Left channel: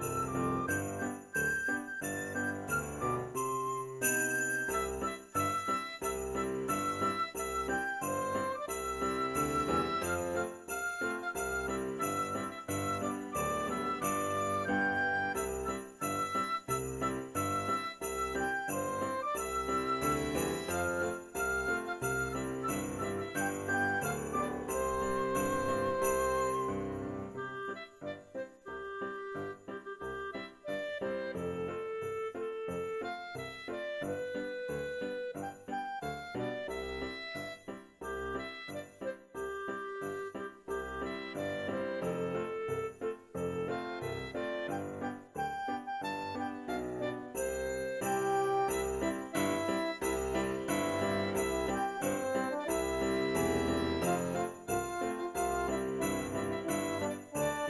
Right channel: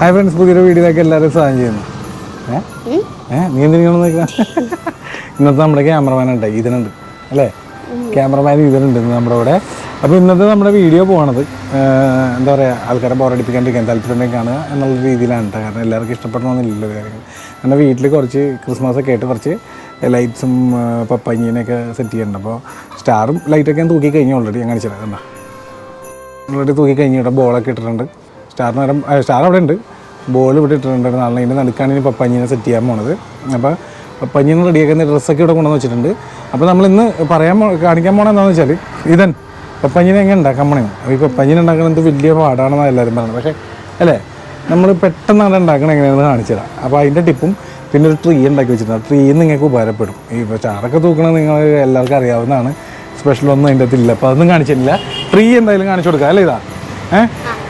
Hi friends, പുതിയൊരു വീഡിയോയിലേക്ക് എല്ലാവരും സ്വാഗതം ചെയ്യുന്നു. നീ എന്തിനാണെന്ന് നോക്കാം. ഇന്നത്തെ നമ്മുടെ ക്യാമറമാൻ ഉണ്ട്, ഇതിനുണ്ട് അല്ലേ? ക്യാമറമാൻ ഇതിനുണ്ട് നമ്മുടെ ഇവിടെ. അപ്പോൾ ഇന്നത്തെ നമ്മുടെ വീഡിയോ പോകുന്നത് എന്താ പറയുക, ആൾക്കാരെ ബോറടിപ്പിക്കാണ്ടിരിക്കാൻ താല്പര്യം കാണുക എന്നുള്ള രീതിയിലാണ് കേട്ടോ. കാരണം എല്ലാവർക്കും ഇഷ്ടപ്പെടണമെന്നില്ലല്ലോ കാര്യങ്ങൾ. നമ്മുടെ വീട്ടിൽ കുറച്ച് ക്രിസ്മസൊക്കെ ആയിട്ട് കുറച്ച് ലൈറ്റ്സും പപ്പഞ്ഞിനെയൊക്കെ സെറ്റ് ചെയ്യുന്നുണ്ട്. അപ്പോൾ സ്റ്റാറും ലൈറ്റൊക്കെ ഞാൻ തൂക്കി കഴിഞ്ഞു ഓൾറെഡി. ഞാൻ കാണിച്ചില്ല, കണ്ടോ? ഓൾറെഡി തൂക്കി കഴിഞ്ഞു. ഇവിടെ ബോളൊക്കെ ഇട്ടിട്ടുണ്ട്. സ്റ്റാർ അവിടെ ഉണ്ട്, ബോൾ ഇവിടെ ഇട്ടിട്ടുണ്ട്. നാളെ ഇതിൻ്റെ നടുക്കാണ് ഇനി പപ്പഞ്ഞിനെ സെറ്റ് ചെയ്യാൻ പോണത്. അപ്പോൾ പപ്പഞ്ഞിനെ റെഡിയാക്കുന്ന ഡ്രസ്സൊക്കെ ഇവിടെ കൊണ്ടുവന്ന് വെച്ചിട്ടുണ്ട്. അപ്പോൾ നമ്മളിന്ന് കാണിക്കാൻ പോകണം എന്താണെന്ന് വെച്ചാൽ ഇതൻ പപ്പഞ്ഞിനെ എങ്ങനെ ഉണ്ടാക്കാൻ പോണെന്ന്. അപ്പോൾ ഈ പപ്പഞ്ഞിനെ ഉണ്ടാക്കുന്നത് വലിയ പാടാണെന്നാണ് എല്ലാവരും പറയുന്നത്. പക്ഷേ അല്ലേ, നമ്മൾ പെട്ടെന്ന് അവിടെ ഉണ്ടാക്കണം എങ്ങനെയാണെന്ന് കാണിച്ചു തരാം. അപ്പോൾ അതിൻ്റെ ടിപ്പും പിന്നെ ഒരു ട്രീ ഉണ്ടാക്കി വെച്ചിട്ടുണ്ട്. ആ ട്രീ നിങ്ങൾക്ക് ഉപകാരപ്പെടും. ഈ ഇപ്പോൾ ചാറൊക്കെ തൂക്കണത് നിങ്ങൾ എല്ലാവർക്കും അറിയാവുന്നതാണ്. സ്പെഷ്യലൊന്നും അതിൻ്റെ അകത്തില്ല. അപ്പോൾ അതൊന്നും കാണിച്ചിട്ടില്ല. ട്രീ എന്തായാലും കാണിച്ചു കൊടുക്കാം അല്ലേ? ഇതാ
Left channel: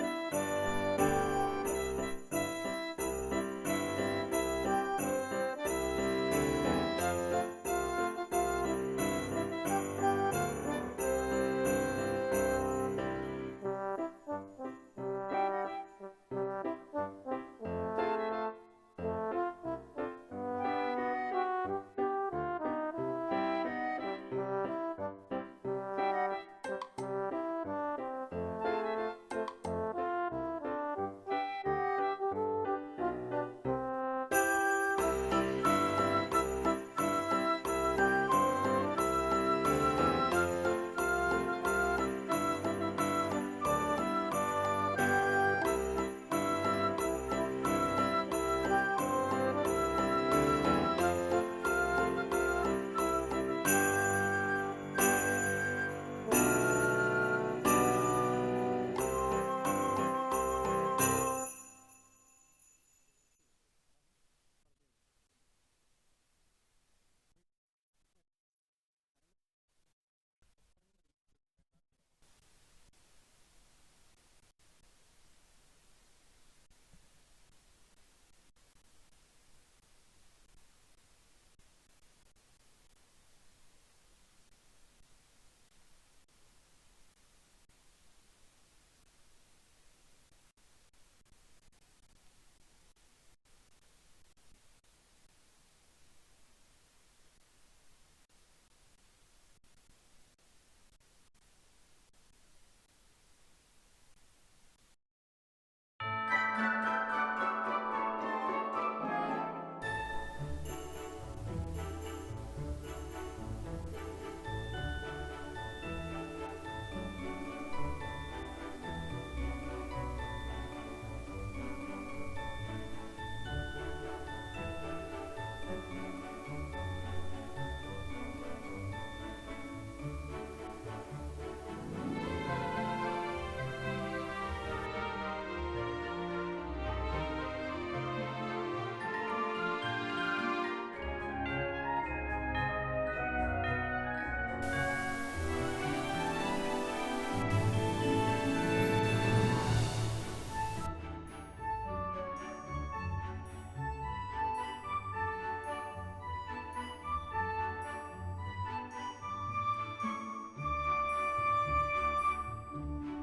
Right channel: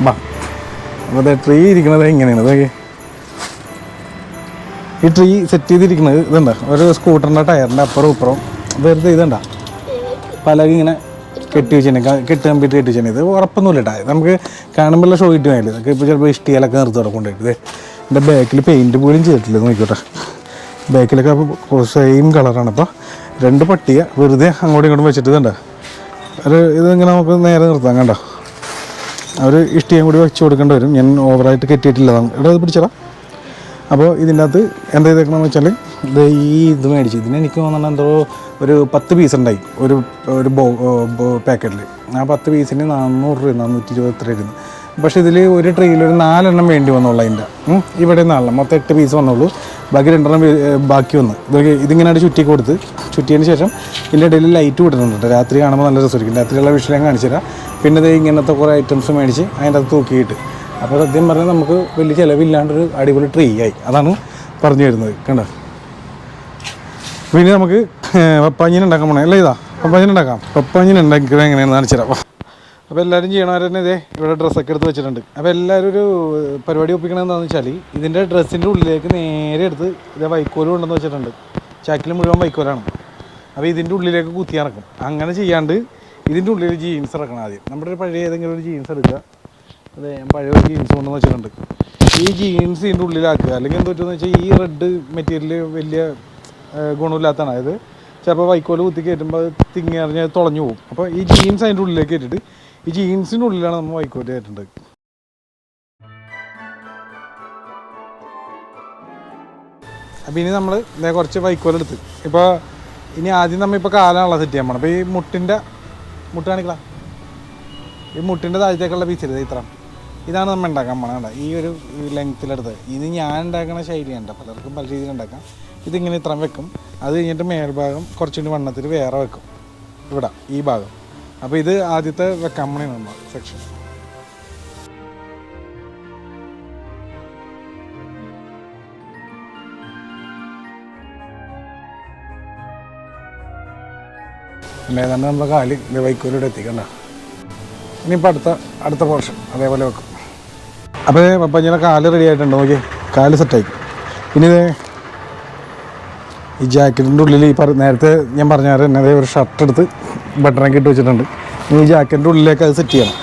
ബാ. അപ്പോൾ അതെ, ട്രീ ഇരിക്കുന്നത് ഇങ്ങനെയാണ്. അതൊക്കെ ഈ ട്രീ സെറ്റ് ചെയ്തിരിക്കുന്നത് ഇതുണ്ട, ഒരു സ്കൂട്ടറിൻ്റെ ടയറിൻ്റെ അപ്പുറം ഇപ്പുറം വെറുതെ ഇതുണ്ടാ പലക ഇങ്ങനെ കെട്ടി വെച്ചിട്ടുണ്ട്. കെട്ടി കമ്പിട്ട് കെട്ടി വെച്ചിട്ടുണ്ട്. ഇത് ഉറപ്പൊന്നുമില്ല കേട്ടോ, നമുക്ക് കാണുമ്പോഴുള്ള ഷോ കിട്ടി വേണ്ടി. ഇതൊക്കെ ഇപ്പോൾ ചിലപ്പോൾ ഇഷ്ടികയിലൊക്കെ നിർത്തി കൊണ്ടുപോയിട്ട് എൻ്റെ ബാക്കിൽ പെയിൻറ്റ് പോലും ചെയ്തിട്ടില്ല. നോക്കിക്കോട്ടെ, ബാക്കിലൊക്കെ അപ്പോൾ സെയിം കളറാണ്. അപ്പോൾ രണ്ട് പട്ടിക വെറുതെ അങ്ങോട്ടും ഇങ്ങോട്ടും വെച്ചിട്ട് ഇതുണ്ട ഇതിങ്ങനെ നമുക്ക് നേരെ നിർത്താം. കണ്ടോ, അവർ ഇഷ്ടിയും കൂടി വെച്ച് കൊടുക്കേണ്ടി വരും. ഞാൻ ഓവറായിട്ട് കെട്ടിയിട്ടില്ലതാണ്. ഇവിടെ ഇത് പിടിച്ചടാ. അപ്പോൾ ഇതിൻ്റെ അകത്ത് എന്താ ചെയ്തേക്കണമെന്ന് വെച്ചാൽ ഇത് മേടിച്ചു. ഇതിന് എനിക്ക് തോന്നുന്നത് എന്തോ ഒരു 10 പീസ് ഉണ്ടായി ഒരു പാക്കറ്റിൽ. ആ 10 പീസിന് 400 രൂപ 420 രൂപ. പക്ഷേ ഇതിൽ ഒരു ട്രെയിൽ ഒരു 4 എണ്ണം വേണ്ടി വന്നുള്ളൂ. അതിൻ്റെ ഇവിടെ 4 മൊത്തം 8 പീസ് വന്നുള്ളൂ. ബാക്കി 2 എണ്ണം ബാക്കി വന്ന് ഇതിങ്ങനെയായിട്ട് ചുറ്റി കൊടുത്ത് ചുറ്റിയതിന് ശേഷം ഇതിൻ്റെ ഇടയിൽ ലൈറ്റ് വിടുന്നുണ്ട്. രാത്രി കാണുമ്പോൾ നല്ല രസമായിരിക്കും. രാത്രിയുള്ള വിഷയം കാണിച്ചു തരാം. പിന്നെ ഇത് ഇങ്ങനത്തെ കുറേ ഐറ്റംസ് മേടിച്ച് അതിൻ്റെ അകത്ത് തൂക്കിയിട്ട്, അപ്പോൾ സത്യം പറഞ്ഞാൽ നമുക്ക് വലിയ ചിലവില്ലാണ്ടൊരു അടിപൊളി ട്രീ ആയി. അതാണ് പറഞ്ഞു വരുന്നത്. കണ്ടോ, പിന്നെ നമുക്ക് പപ്പാഞ്ഞിന് ഉണ്ടാക്കാൻ പോണേ അല്ലേ? ഇതാ പപ്പാഞ്ഞിന് ഉണ്ടാക്കാം. പപ്പാഞ്ഞിന് ഉണ്ടാക്കിയത് എങ്ങനെയാണെന്ന് കാണിച്ചു തരാം. അപ്പോൾ എല്ലാവരും ചെയ്യണവർ തന്നെ ഇതേ ഇവിടെ ഡ്രസ്സൊക്കെ എടുത്ത് വെച്ചിട്ടുണ്ട്. അപ്പോൾ എല്ലാവരും ഒരു പരിപാടി ഒപ്പിക്കണത് എന്താണെന്ന് വെച്ചാൽ ഇതിൻ്റെ ഡ്രസ്സിൻ്റെ ഉള്ളിലേക്ക് നേരെ എടുത്ത് ഇതേ വൈക്കോല് കൊണ്ടുവന്ന് വെച്ചിട്ടുണ്ട്. ചാക്കിൽ മുഴുവൻ വൈക്കോലാണ്. അപ്പോൾ ഇതിൻ്റെ ഉള്ളിലേക്ക് കുത്തി ഇറക്കും. അങ്ങനെ ചെയ്യാണ്ട് ഇതിൻ്റെ ഉള്ളിൽ ജീൻസ് ഇറക്കണം ആദ്യം. നമ്മുടെ ഒരു പഴയ ഏതെങ്കിലും ഒരു ജീൻസ് എടുക്കുക. അതെ, ഞാൻ പഴയ ഒരു ജീൻസ് കൊണ്ടുവന്ന് വെച്ചിട്ടുണ്ട്. ഈ ജീൻസ് ഇതിൻ്റെ ഉള്ളിലാക്കുക. അല്ലെങ്കിൽ എന്താ പറ്റുമെന്ന് വെച്ചാൽ ഈ റെഡ് മെറ്റീരിയൽ വലിയ ഗുണമില്ലാത്തതാണ്. അതായത് ചിലപ്പോൾ വൈക്കോല് കുത്തി കയറ്റുമ്പോൾ തിങ്ങി അറിഞ്ഞാൽ തുളഞ്ഞു പോകും. അപ്പോൾ ഈ ജീൻസ് അതിൻ്റെ ഉള്ളിലേക്ക് കയറ്റിയിട്ട് ഈ ജീൻസിൻ്റെ ഉള്ളിലാണ് നമ്മൾ വൈക്കോല് കയറ്റേണ്ടത്. അപ്പോൾ ഇനി നമ്മൾ കുറച്ച് വൈക്കോലെടുത്ത് ഇപ്പോൾ ഇനി ആദ്യം നമ്മൾ ഇപ്പോൾ കാലാണല്ലോ സെറ്റ് ചെയ്യാൻ പോകണം. അപ്പോൾ ഈ മുട്ട് കാണിக்கலாம். ഈ മുട്ടിൻ്റെ താഴത്തേക്കുള്ള പീസില്ല, ഇത്ര ഇതാണ് നമ്മൾ ഉണ്ടാക്കാൻ പോകണം. ഈ ഒരു ലെങ്ത്തിലെടുത്ത് ഇത് ഞാൻ ഉണ്ടാക്കുന്ന ശൈലിയുണ്ട്. പലർക്കും പല രീതിയിൽ ഉണ്ടാക്കാം. ഇതിങ്ങനെ ഇത്ര വെക്കും. അത് കഴിഞ്ഞിട്ട് മേൽഭാഗം കുറച്ചുകൂടി വണ്ണത്തിൽ വേറെ വെക്കും ഇവിടെ ഈ ഭാഗം. അപ്പോൾ ഇത് ആദ്യത്തെ വെക്കാൻ പോകണം സെക്ഷൻ. ഏതാണ്ട് നമ്മുടെ കാല് വൈക്കോലിവിടെ എത്തിക്കണ്ട. ഇനിയിപ്പോൾ അടുത്ത പോർഷൻ അതേപോലെ വെക്കും. അപ്പോൾ പപ്പഞ്ഞിയുടെ കാല് റെഡി ആയിട്ടുണ്ട്. നോക്കി, കാല് സെറ്റായി. ഇനി ഈ ജാക്കറ്റിൻ്റെ ഉള്ളിൽ നേരത്തെ ഞാൻ പറഞ്ഞാൽ തന്നെ ഒരു ഷർട്ട് എടുത്ത് ബട്ടണൊക്കെ ഇട്ട് വെച്ചിട്ടുണ്ട്. ഇനി ഈ ജാക്കറ്റിൻ്റെ ഉള്ളിലേക്ക് അത് സെറ്റ് ചെയ്യണം.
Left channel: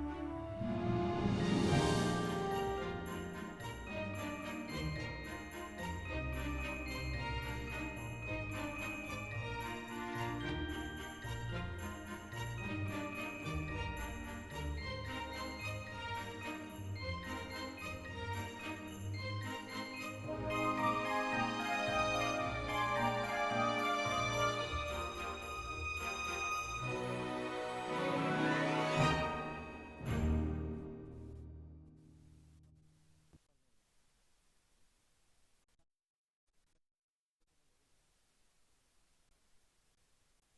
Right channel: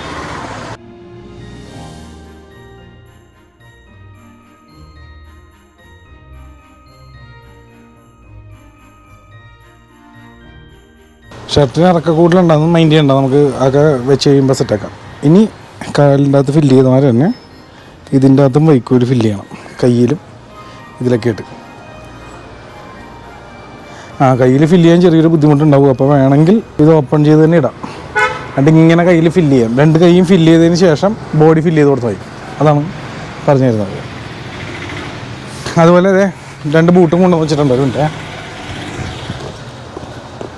ഷർട്ടിന് ഇറക്കക്കൂടുതലുണ്ടാകും, മൈൻഡ് ചെയ്യണ്ട. നമുക്ക് അതൊക്കെ വെച്ച് കഴിയുമ്പോൾ സെറ്റാക്കാം. ഇനി കാലിൻ്റെ അകത്ത് ഫില്ല് ചെയ്ത മാതിരി തന്നെ ഇതിൻ്റെ അകത്തും വൈക്കോല് ഫില്ല് ചെയ്യണം. കയ്യിലും ഇതിലൊക്കെ ഇട്ട് കയ്യിൽ ഫില്ല് ചെയ്യാൻ ചെറിയൊരു ബുദ്ധിമുട്ടുണ്ടാവും. അപ്പോൾ വേണമെങ്കിൽ ഇത് ഓപ്പൺ ചെയ്ത് തന്നെ ഇടാം. എന്നിട്ട് ഇങ്ങനെ കയ്യിൽ ഫില്ല് ചെയ്യാം. 2 കൈയും ഫില്ല് ചെയ്തതിന് ശേഷം ബോഡി ഫില്ല് ചെയ്ത് കൊടുത്താൽ മതി. അതാണ് പറഞ്ഞു തരുന്നത്. അതുപോലെ 2 ബൂട്ടും കൊണ്ടുവന്ന് വെച്ചിട്ടുണ്ട്. ഒരു മിനിറ്റ്,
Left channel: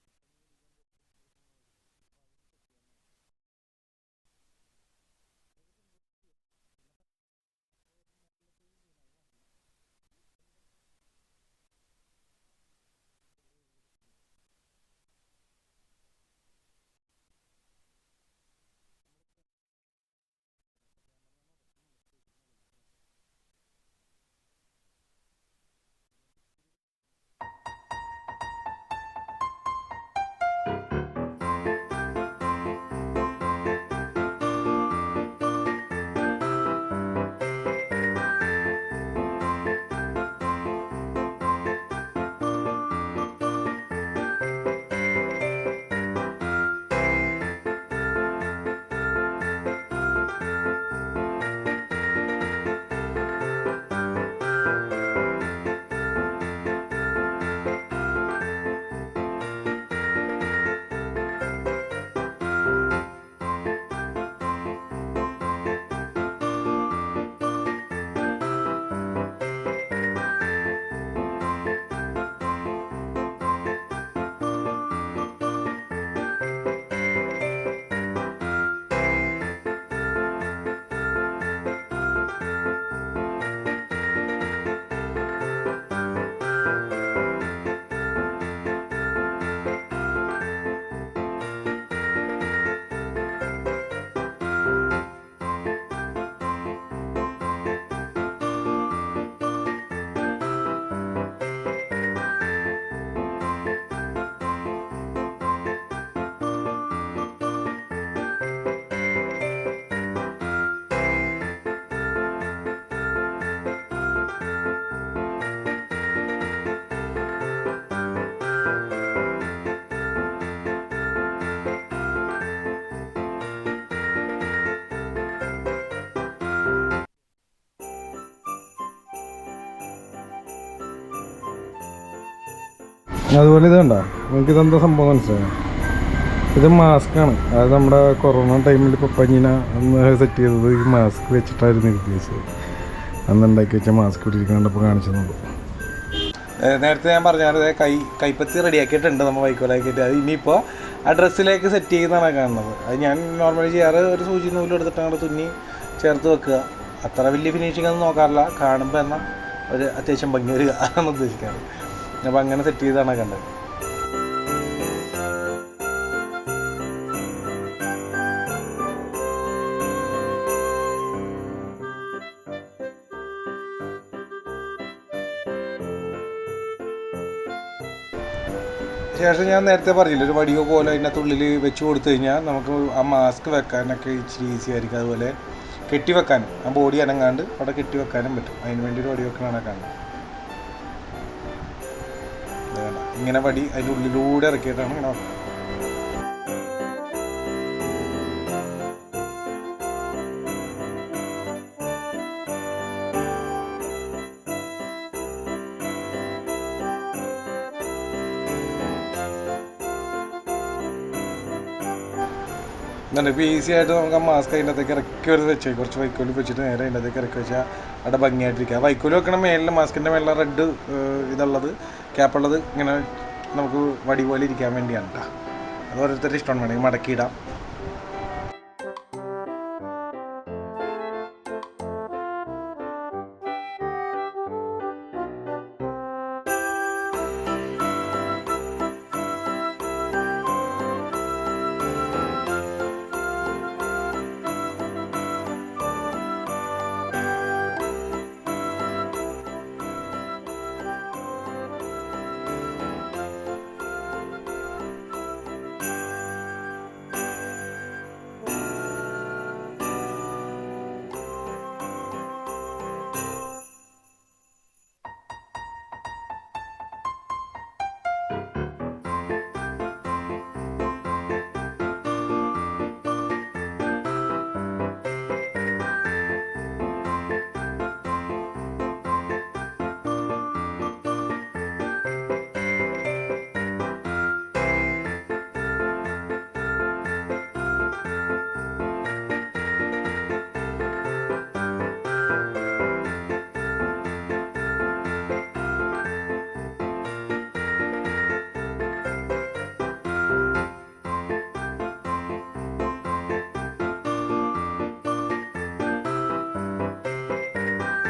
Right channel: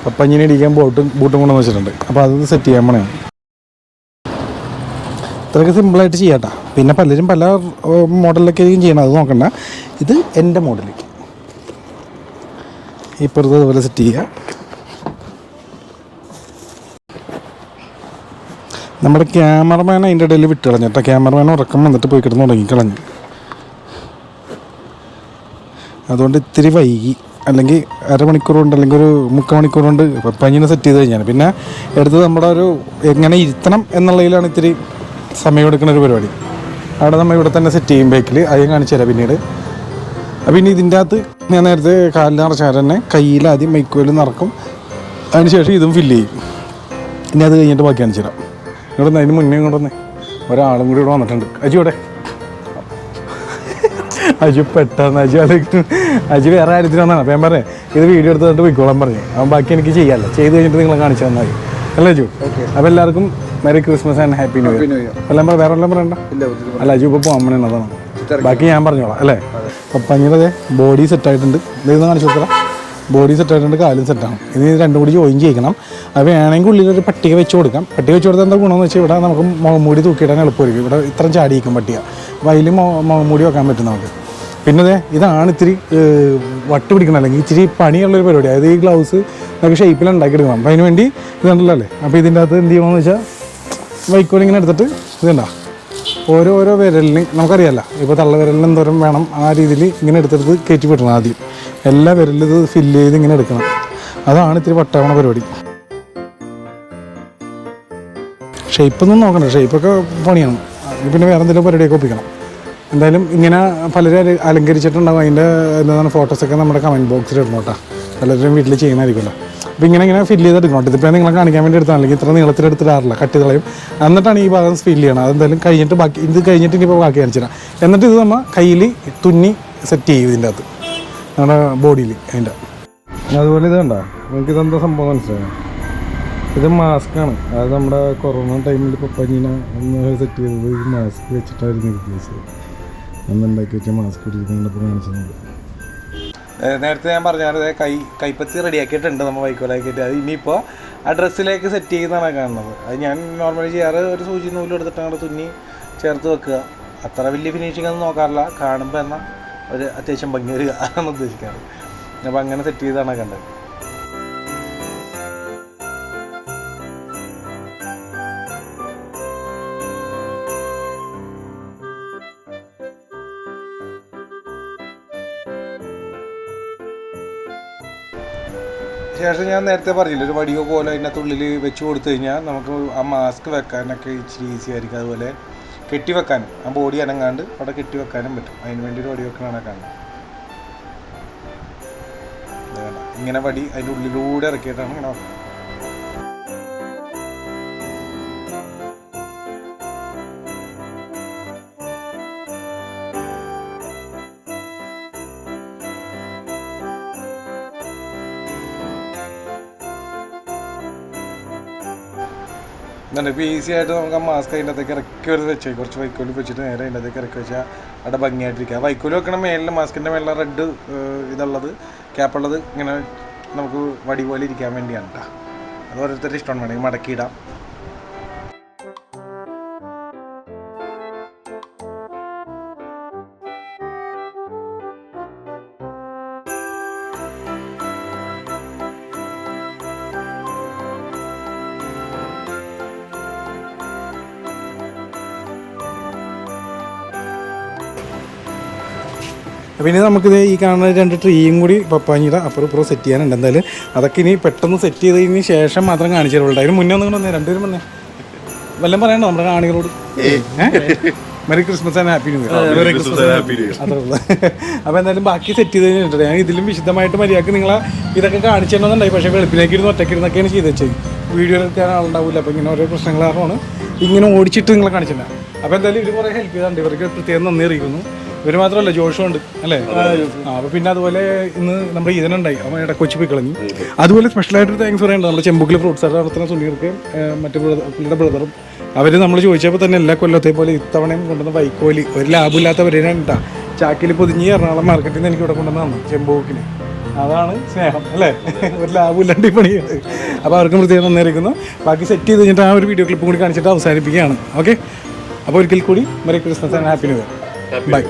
പപ്പഞ്ഞിനെ ഇടിക്കാൻ ബൂട്ടും കൊണ്ടുവന്ന് വെച്ചിട്ടുണ്ട്. അപ്പോൾ അത് സെറ്റ് ചെയ്യാൻ പോണേ. ഇത്രയൊക്കെ സിമ്പിളായിട്ട് ചെയ്യാട്ടോ. പിന്നെ പലരും പല മോഡലിലൊക്കെ ആയിരിക്കും ചെയ്യണം, അത് നോക്കണ്ട. ഇത് എൻ്റെ മോഡൽ. ഇപ്പുറത്ത് അതുപോലെ സെറ്റ് ചെയ്യുക. നമ്മുടെ ക്യാമറമാൻ അതിൻ്റെ ഇടയിൽ വിട്ട് കളഞ്ഞിട്ടോ. ക്യാമറമാൻ ഉറക്കം വന്നിട്ട് പോയി കിടന്ന് ഉറങ്ങിക്കളഞ്ഞു. അതുകൊണ്ട് ഇത്തിരി വൈകി. അല്ലെങ്കിൽ അരമണിക്കൂർ കൊണ്ട് അല്ലെങ്കിൽ ഒരു 3/4 മണിക്കൂർ കൊണ്ട് പപ്പഞ്ഞിനെ സെറ്റ് ചെയ്ത് കഴിഞ്ഞാൽ പിന്നെ എടുത്ത് നമ്മുടെ ഒരു എങ്ങനെ ഇരുത്തണം എന്നുള്ളതിലാണ് ഇത്തിരി സമയം എടുക്കുന്ന ഒരു പരിപാടി. അവിടെ നമ്മൾ ഇവിടെ തന്നെ സെറ്റ് ചെയ്യും ബൈക്കിൽ. അതും കാണിച്ചു തരാം പിന്നീട്. പിന്നെ ഇതിൻ്റെ അകത്ത് ഞാൻ നേരത്തെ കാലിൽ നിറച്ചാൽ തന്നെ കയ്യിൽ ആദ്യം മൈക്കോയിൽ നിറക്കും. അതിന് ശേഷം ഇതും ഫില്ല് ചെയ്യും. ഇനി അത് കഴിഞ്ഞിട്ട് ബാക്കി കാണിച്ചു തരാം. ഇവിടെ നിന്ന് അതിന് മുന്നേ ഇങ്ങോട്ട് വന്നേ ഒരാളും കൂടി ഇവിടെ വന്നിട്ടുണ്ട്. അജു ഇവിടെ അജു പെട്ടെന്ന് അജു വേറെ കാര്യത്തിൽ വന്നാണ്. അപ്പം ഞാൻ പറഞ്ഞേ ഇത് വീഡിയോ എടുത്തിട്ട് പോയിക്കോളാൻ പറഞ്ഞു. അവൻ ബാക്കി എനിക്ക് ചെയ്യാമല്ലോ, ചെയ്ത് കഴിഞ്ഞിട്ട് നിങ്ങളെ കാണിച്ചു തന്നാൽ അല്ലേ അജു? അപ്പോൾ എല്ലാവർക്കും Maria Christmas and happy new year. എല്ലാം വേറെ എല്ലാം പറയണ്ട. അല്ല അജു ഇപ്പോൾ പോകാൻ വേണ്ടി അതാണ്. ബാക്കി ഞാൻ പറഞ്ഞോളാം അല്ലേ? പപ്പഞ്ഞിയുടെ ബോഡി സെറ്റായിട്ടുണ്ട്. ഇതൊന്ന് കാണിച്ചു കൊടുക്കാം. ബോഡി സെറ്റായിട്ടുണ്ട്, കാലും സെറ്റാണ്. ഇനി രണ്ടും കൂടി ജോയിൻ ചെയ്യിക്കണം. അത് വേണമെങ്കിൽ ഉള്ളിലൊരു പട്ടിക വെച്ച് കൊടുക്കാം. പട്ടിക വെച്ച് കൊടുത്താൽ എന്താ ഗുണമെന്ന് വെച്ചാൽ ഇവിടെ നമുക്ക് മുഖംമൂടി തൂക്കിയിടാൻ എളുപ്പമായിരിക്കും. ഇവിടെ ഇത്രയും ചാടിയിരിക്കും പട്ടിക. അപ്പോൾ അതിൽ മുഖംമൂടി വെക്കാൻ പറ്റും നമുക്ക്. പിന്നെ ഇതാണ് ഇത്തിരി വട്ട് പിടിക്കണം, അല്ലെങ്കിൽ ഇച്ചിരി പണിയുള്ളൊരു പരിപാടി. അതായത് ഈ ഗ്ലൗസ് നമുക്ക് ഷേപ്പിൽ ഉണ്ടാക്കിയെടുക്കണം. അപ്പോൾ അതിന് വേണ്ടി ഇതുണ്ടല്ലോ അല്ലേ? അപ്പോൾ ഇതിൻ്റെ അകത്ത് എന്ത് ചെയ്യണമെന്ന് വെച്ചാൽ വൈക്കോൽ ഇങ്ങനെ എടുത്തിട്ട് ഇതുണ്ടോ ഓരോ വിരലിന് നമുക്കറിയാമല്ലോ. ഇപ്പോൾ തള്ളവിരലിന് എന്തോരം വേണം ആ രീതിയിൽ ഇങ്ങനെ എടുത്തെടുത്ത് കയറ്റി വിടണം. ആദ്യം എല്ലാ വിരലിൽ ഇത് ഫില്ല് ചെയ്ത് ഇങ്ങനെ എടുക്കണം. അതാണ് ഇത്തിരി വട്ടാവണ പരിപാടി. ഷേപ്പൊന്നും നോക്കണ്ട, ഷേപ്പൊക്കെ പണിയാണ്. പിന്നെ വേറെ എന്തെങ്കിലും പരിപാടിയൊക്കെ ഒപ്പിക്കണം. എന്തായാലും ഇങ്ങനെ പലരും അലങ്കരിച്ചിട്ടുണ്ടാകും. അതിൻ്റെ എന്താണ് ഫോട്ടോസൊക്കെ നമ്മുടെ കമൻറ്റ് ബോക്സിൽ ഇടണം കേട്ടോ. പലരും വീട്ടിൽ ചെയ്യുന്നതായിരിക്കുമല്ലോ. അപ്പോൾ ഇങ്ങനെ ഫില്ല് ചെയ്തെടുക്കണം. ഇതിപ്പോൾ നിങ്ങളെ കാണിക്കാൻ വേണ്ടി എടുത്താൽ അല്ലെങ്കിൽ ഇത്ര നീളത്തിലെടുത്തിടാറില്ല, കട്ട് കളയും. എന്നിട്ടാണ് ഈ ഭാഗം ഫില്ല് ചെയ്യണം. അതെന്തായാലും കഴിഞ്ഞിട്ട് ബാക്കി ഇത് കഴിഞ്ഞിട്ട് ഇനിയിപ്പോൾ ബാക്കി കാണിച്ചു തരാം. എന്നിട്ട് ഇത് നമ്മൾ കയ്യിൽ തുന്നി സെറ്റ് ചെയ്യും ഇതിൻ്റെ അകത്ത് നമ്മുടെ ബോഡിയിൽ അതിൻ്റെ. അതുപോലെ ഇത് കണ്ടോ, നിങ്ങൾക്ക് ഇതെന്താ സംഭവം മനസ്സിലായോ? ഇത് മാസ്കാണ്. അത് നമ്മുടെ കൊറോണ ടൈമിൽ പപ്പഞ്ഞിനെ ഒന്ന് സെറ്റ് ചെയ്തത് ഈ മാസ്ക് വെച്ചിട്ടായിരുന്നു റിപ്ലേസ് ചെയ്തത്. അന്നുണ്ടാക്കി വെച്ച മാസ്ക് ഇട്ടിരിക്കാണ്ടപ്പോൾ കാണിച്ചത്. നേരത്തെ ഞാൻ പറഞ്ഞാൽ കൈപ്പത്തി റെഡിയാക്കിയിട്ടുണ്ട് നമ്മൾ വൈക്കോലാക്കിയിട്ട്. അത് ഇനിയിപ്പോൾ ആ ഡ്രസ്സിലേക്ക് സെറ്റ് ചെയ്യുന്നതാണ് കാണുന്നത്. അത് ഞാൻ നോർമലി ചെയ്യാറ് ഒരു സൂചി നൂലും എടുത്തിട്ട് അങ്ങോട്ട് തുന്നി ചേർത്ത് വെക്കുക. അത്ര വലിയ ഫിനിഷിംഗ് ഒന്നും നോക്കാറില്ല, കാണുമ്പോൾ എന്നാൽ ഒരു അത്യാവശ്യം ഭംഗി വരിക എന്നാണ് ഉദ്ദേശിക്കാറ്. അപ്പോൾ അങ്ങനെ സെറ്റ് ചെയ്താണ് കണ്ടത്. ശേഷം ഞാൻ നേരത്തെ പറഞ്ഞില്ല, ഒരു വടിയോ പോലെ അതിൻ്റെ ഉള്ളിൽ വെച്ച് കൊടുത്തു കഴിഞ്ഞാൽ നമുക്ക് ആ മാസ്ക് വെക്കാനൊക്കെ ഇച്ചിരി ഈസി ആയിരിക്കും. അതുപോലെ കെട്ടി വെക്കാനും ആ ബോഡി അനങ്ങാണ്ട് അവിടെ കെട്ടി വെക്കാനും പറ്റും. അതിന് വേണ്ടി ഒരു വടി വെക്കണമാണ് കാണുന്നത്. ഇങ്ങനെ വടി അതിൻ്റെ ഉള്ളിലൂടെ ഇറക്കിയിട്ടാണ് ഇങ്ങനെ വെക്കുന്നത്. ഇപ്പോൾ ഈസി ആയിട്ട് നമുക്ക് ആ മാസ്ക് അതിൻ്റെ അകത്തേക്ക് ഇറക്കി ഒരു വെച്ചാൽ കുറച്ച് വൈക്കോല് വെച്ചിട്ട് നേരെ അതിൻ്റെ അകത്തേക്ക് ഇറക്കി വെച്ചാൽ അവിടെ ഭംഗിയായിട്ടിരിക്കുക. വൈക്കോല് വെക്കണം മേലിൽ മാസ്കിൻ്റെ മേലെ റെഡ് ഇതുള്ളത് ക്യാപ്പുള്ളത് ഇങ്ങനെ നമുക്ക് വടി പോലെ ഇരിക്കാൻ വേണ്ടിയാണ് കേട്ടോ. അത് ഓരോരുത്തരുടെ ഇഷ്ടമാണ്, വേണമെങ്കിൽ മടക്കിയിടാം. പിന്നെ നമുക്കിത് ഈ കാണുന്ന 2 ട്രീയും കൂടി പപ്പാഞ്ഞിയുടെ അപ്പുറം ഇപ്പുറം സെറ്റ് ചെയ്യാനുണ്ട്. എന്തായാലും അതൊക്കെ ഇനി പെട്ടെന്ന് സെറ്റ് ചെയ്തതിന് ശേഷം മാത്രം കാണിച്ചു തരുള്ളൂ. അതിന് മുന്നേ ഒന്നും വന്നേ രണ്ടുപേരും വന്നേ വല്ലതും പറയണ്ടോ നമ്മുടെ കാണികളോട്? Merry Christmas and happy new year. അത്രേ ഉള്ളൂ. അപ്പോൾ എന്തായാലും ബാക്കി സെറ്റ് ചെയ്ത് കഴിഞ്ഞിട്ടുണ്ട്. ഞാൻ ഇതിലും വിശദമായിട്ട് മര്യാദക്ക് നിങ്ങളെ ഇതൊക്കെ കാണിച്ചു തരണമെന്നുണ്ടായി. പക്ഷേ വെളുപ്പിലേക്ക് ഇരുന്ന് ഒറ്റയ്ക്കിരുന്നൊക്കെയാണ് ചെയ്ത് വെച്ചത്. വീഡിയോ എടുക്കാൻ ആളുണ്ടാവില്ല. അപ്പോൾ ഇങ്ങനെ ഓരോ പ്രശ്നങ്ങൾ കാരണമാണ് ഇങ്ങനെ ഓടിച്ചിട്ട് നിങ്ങളെ കാണിച്ചില്ല. അപ്പോൾ എന്തായാലും ഇവർ കുറേ ഹെൽപ്പ് ചെയ്തിട്ടുണ്ട്. ഇവർക്ക് പ്രത്യേകം നന്ദി അറിയിക്കുന്നു. ഇവർ മാത്രമല്ല ജോഷും ഉണ്ട് അല്ലേ? അപ്പോൾ പിന്നെ അതുപോലെ ഇന്ന് നമ്മുടെ ഈദനുണ്ടായി, അവൻ ഇടക്കൊച്ചി പോയി കളഞ്ഞു. അതുപോലെ സ്പെഷ്യലായിട്ടൊരു താങ്ക്സ് പറയേണ്ടത് നമ്മുടെ ചെമ്പുക്കിൽ ഫ്രൂട്ട്സ് ആയിട്ട് നടത്തുന്ന സുനീർക്ക് മറ്റു പുള്ളിയുടെ ബ്രദറും. അവർ നമ്മൾ ചോദിച്ചപ്പോൾ തന്നെ എല്ലാ കൊല്ലത്തെ പോലെ ഇത്തവണയും കൊണ്ടുവന്ന വൈക്കോലി ഒരു ലാഭമില്ലാത്തവരെയാണ് കേട്ടോ. ചാക്കിൽ പൊതിഞ്ഞ് എറണാകുളം മാർക്കറ്റിൽ നിന്ന് എനിക്ക് ഇവിടെ കൊണ്ടുവന്ന് തന്നു ചെമ്പൂക്കിൽ. അതാണ് സ്നേഹം അല്ലേ? ഒരു ലാഭമില്ലാണ്ട് പണി. അപ്പോൾ അവർക്കും പ്രത്യേകം നന്നായിരിക്കുന്നു. ബാക്കി സെറ്റ് ചെയ്ത് കഴിഞ്ഞിട്ട് ആ ഒരു വീഡിയോ ക്ലിപ്പും കൂടി കാണിച്ചിട്ട് അവസാനിപ്പിക്കുകയാണ്. ഓക്കെ, അപ്പോൾ ഒരിക്കൽ കൂടി merry Christmas and happy new year. By.